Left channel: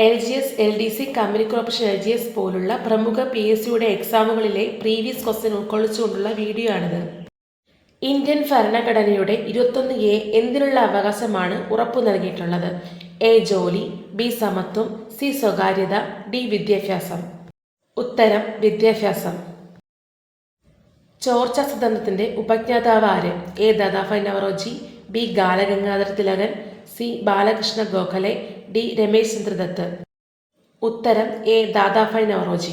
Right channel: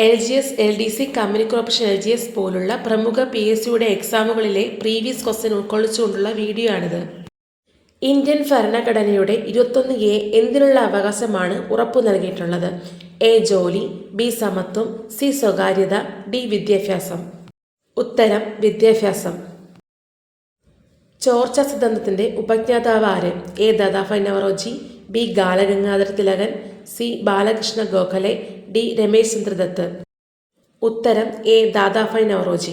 LGS, LDC, company corporation LGS പോലുള്ള പ്രമുഖ PSCയുടെ എക്സാമുകളിലെ previous question ഉൾക്കൊള്ളിച്ചുകൊണ്ടുള്ള video ആണിത്. ഇന്ത്യൻ ഭരണഘടനയുടെ 21A എന്തിനുള്ള അവകാശമാണ് ഉറപ്പു നൽകിയിട്ടുള്ളത്? A. ജോലി, B. സമത്വം, C. സ്വകാര്യത, D. വിദ്യാഭ്യാസം. ഉത്തരം വിദ്യാഭ്യാസം. ചോർച്ചാ സിദ്ധാന്തത്തിന്റെ ഉപജ്ഞാതാവ് ആര്? A. Dadabhai Naoroji, B. Balagangadhara Thilakan, C. Balakrishna Gokhale, D. Ramesh Chandra Dutt. ഉത്തരം A. ദാദാഭായ് നവറോജി.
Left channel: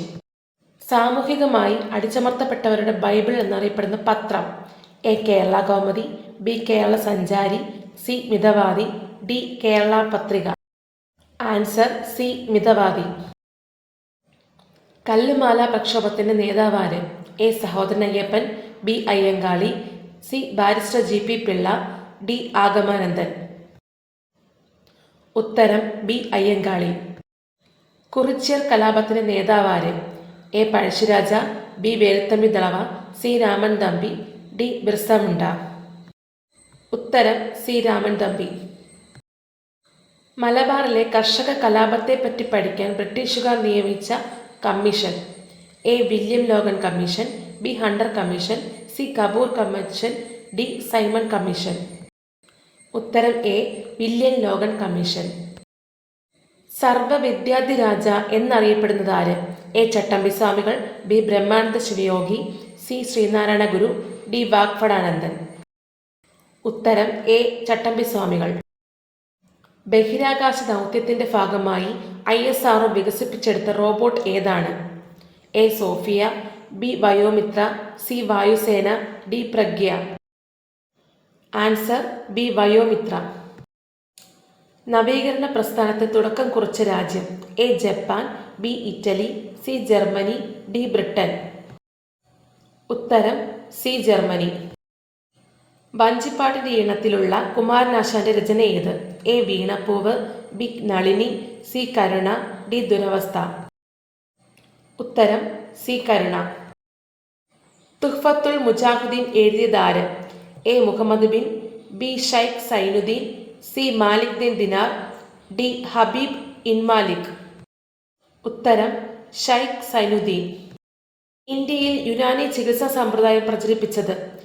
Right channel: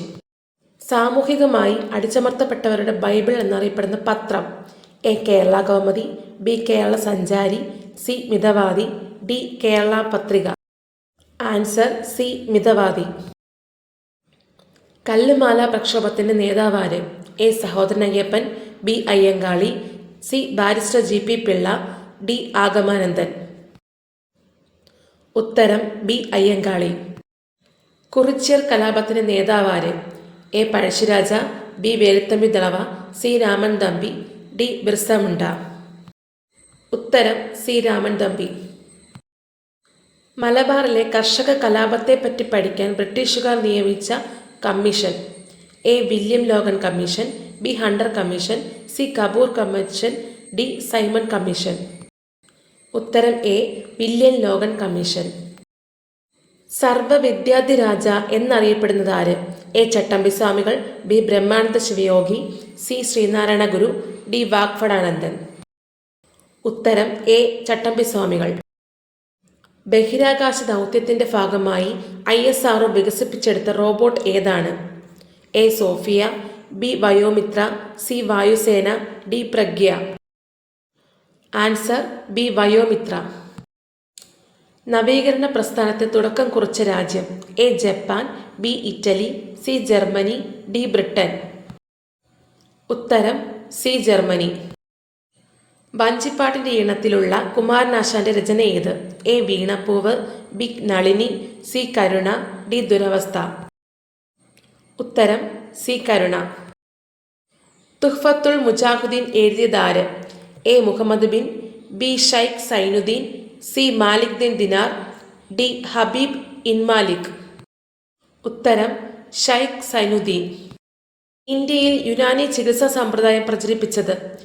സാമൂഹികമായി അടിച്ചമർത്തപ്പെട്ടവരുടെ ബൈബിൾ എന്നറിയപ്പെടുന്ന പത്രം? A. കേരള കൗമുദി, B. കേരള സഞ്ചാരി, C. മിതവാദി, D. കേരള പത്രിക. Answer C. Mithavadi. Kallumala പ്രക്ഷോഭത്തിന്റെ നേതാവാര്? A. Sahodaran Ayyappan, B. Ayyankali, C. Barrister G.P. Pillai, D. ആഗമാനന്ദൻ. ഉത്തരം B. Ayyankali. Kurichiyar കലാപത്തിന്റെ നേതാവാര്? A. Pazhassiraja, B. Velu Thampi Dalawa, C. Raman Thampi, D. Birsa Munda. ഉത്തരം C. രാമൻ തമ്പി. മലബാറിലെ കർഷക കലാപത്തെപ്പറ്റി പഠിക്കാൻ ബ്രിട്ടീഷുകാർ നിയമിച്ച commission? A. William Logan commission, B. Hunter commission, C. Kapoor commission, D. Simon commission. ഉത്തരം A. William Logan commission. സർവവിദ്യാധിരാജ എന്നറിയപ്പെടുന്നത് ആര്? A. ചട്ടമ്പി സ്വാമികൾ, B. ബ്രഹ്മാനന്ദ ശിവയോഗി, C. ശ്രീനാരായണ ഗുരു, D. വാഗ്ഭടാനന്ദൻ. ഉത്തരം A. ചട്ടമ്പി സ്വാമികൾ. ബഹിരാകാശ ദൗത്യത്തിന്റെ ഭാഗമായി ISRO വികസിപ്പിച്ചെടുത്ത റോബോട്ട് ഏതാണ്? A. Sophia, B. Vyommitra, C. Vayusena, D. Pragya. Answer B. Vyommitra. നവീകരണ പ്രസ്ഥാനത്തെ തുടക്കം കുറിച്ച രാജ്യം? A. Japan, B. Italy, C. Germany, D. Britain. ഉത്തരം C. ജർമ്മനി. വഞ്ചിപ്പാട്ടിന്റെ ഈണത്തിലുള്ള കുമാരനാശാന്റെ രചന ഏത്? A. വീണപ്പൂവ്, B. Nalini, C. Karuna, D. Duravastha. ഉത്തരം C. കരുണ. തുഹ്ഫത്തുൽ മുജാഹിദീൻ എഴുതിയതാര്? A. Muhammad bin, B. Sheikh Zainuddin, C. Malik Din Dinar, D. Habib ibn Malik. ഉത്തരം ഷൈഖ് സൈനുദ്ദീൻ. ഇന്ത്യയിൽ യുനാനി ചികിത്സാ സമ്പ്രദായം പ്രചരിപ്പിച്ചത്?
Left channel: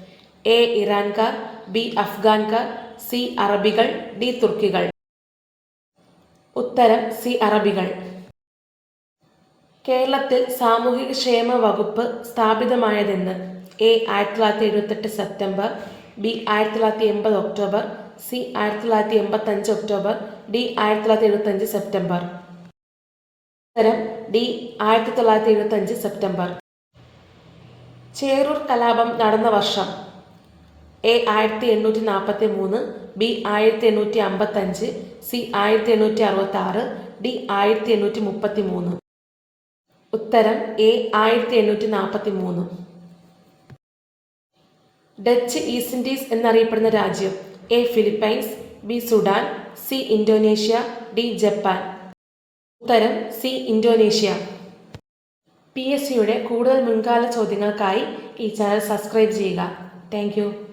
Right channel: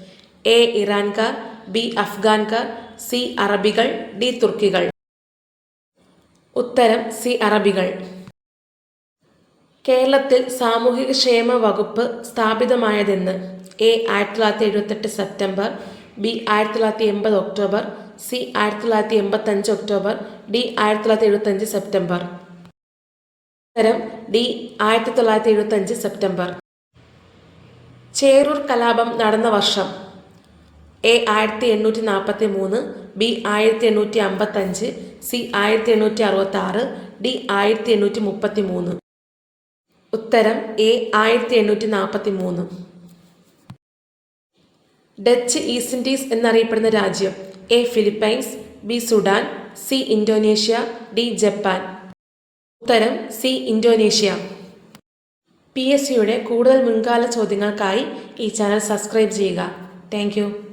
A. ഇറാൻകാർ, B. അഫ്ഗാൻകാർ, C. അറബികൾ, D. തുർക്കികൾ. ഉത്തരം C. അറബികൾ. കേരളത്തിൽ സാമൂഹിക ക്ഷേമ വകുപ്പ് സ്ഥാപിതമായതെന്ന്? A. 1978 September, B. 1980 October, C. 1985 October, D. 1975 September. ഉത്തരം D. 1975 സെപ്റ്റംബർ. ചേറൂർ കലാപം നടന്ന വർഷം? A. 1843, B. 1855, C. 1866, D. 1833. ഉത്തരം A. 1843. ഡച്ച് ഈസ്റ്റ് ഇൻഡീസ് എന്നറിയപ്പെടുന്ന രാജ്യം? A. Philippines, B. Sudan, C. Indonesia, D. Japan. ഉത്തരം C. ഇന്തോനേഷ്യ. PSCയുടെ കൂടുതൽ മുൻകാല ചോദ്യങ്ങൾക്കായി ഈ ചാനൽ സബ്സ്ക്രൈബ് ചെയ്യുക. Thank you.